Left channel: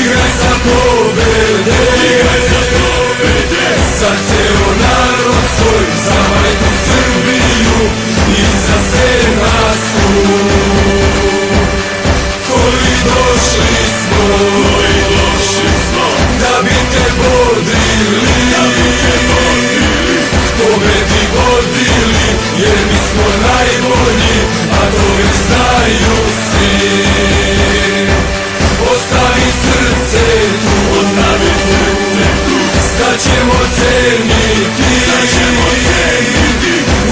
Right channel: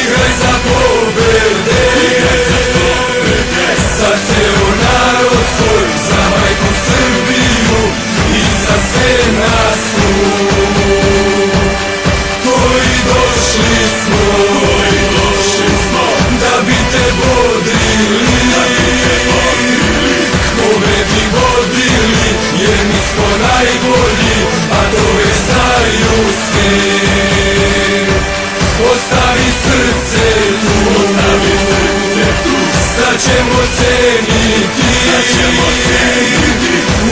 igraj za pobede, za ceo narod svoj, za majku Srbiju i za sve nas tu, koji došli smo da bi te bodrili, pobedi vodili, jer mi smo najbolji, a to već znaju svi. Ostavi srce tu, sad ćemo ceniti,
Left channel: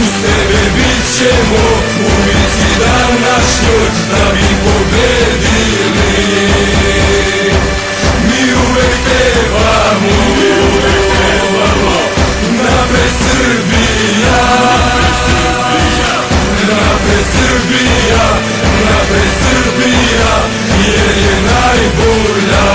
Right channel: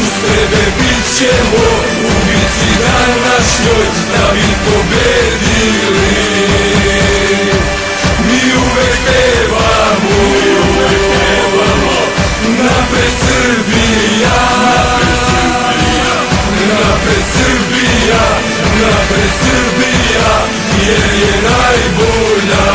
uz tebe bit ćemo u bici današnjoj, da bi pobedili. Mi uvek pevamo, napred Srbija, napred Srbija, napred Srbija, jer je najbolja.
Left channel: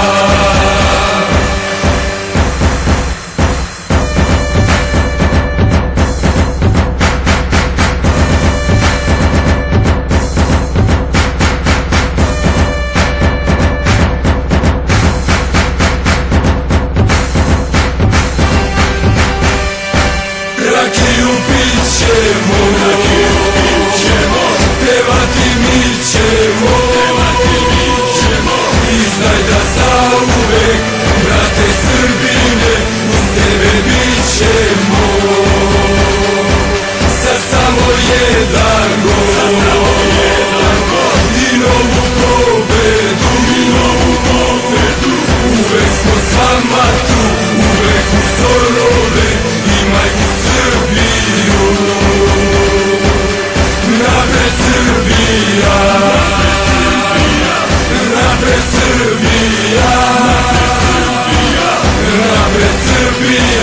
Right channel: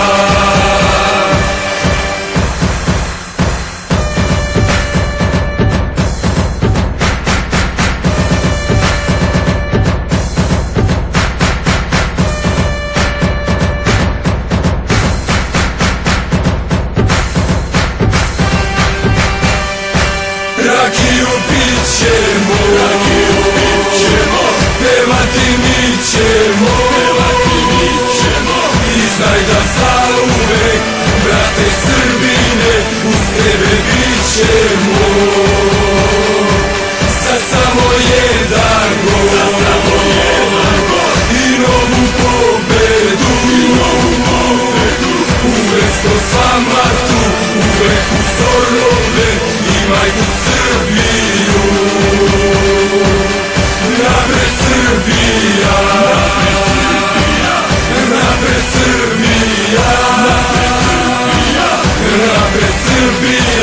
Rakiju pit ćemo, pevati mi ćemo, i znaj da zauvek, brate Srbine, uz tebe bit ćemo. Sad samo jedan gol i novu pobedu, uvek smo s vama tu, uvek uz orlove i majku Srbiju. Napred Srbija, napred Srbija, napred Srbija,